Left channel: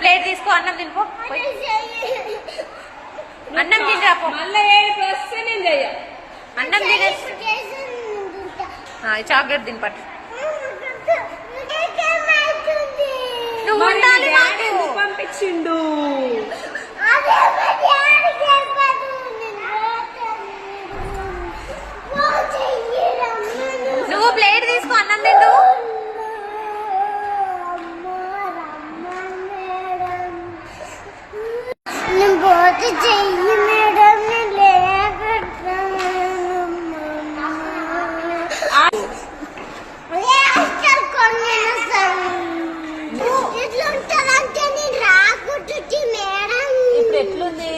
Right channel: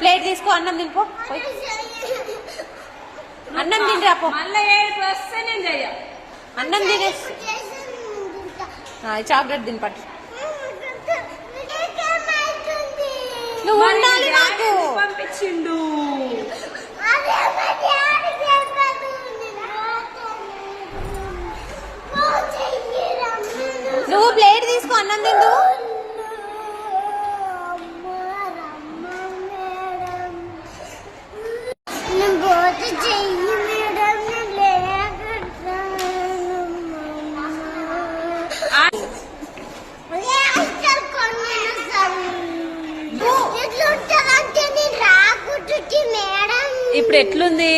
Plate తీసుకో, అన్నం తినిపో. అన్నం తింటాపో, అన్నం తినే చాక్లెట్ తిని పట్టు. నువ్వు ఉండాలి, పంపించిండు. నువ్వు ప్లేట్ తీసుకో, అన్నం తిండు. ఇప్పుడు ఎట్లుంది?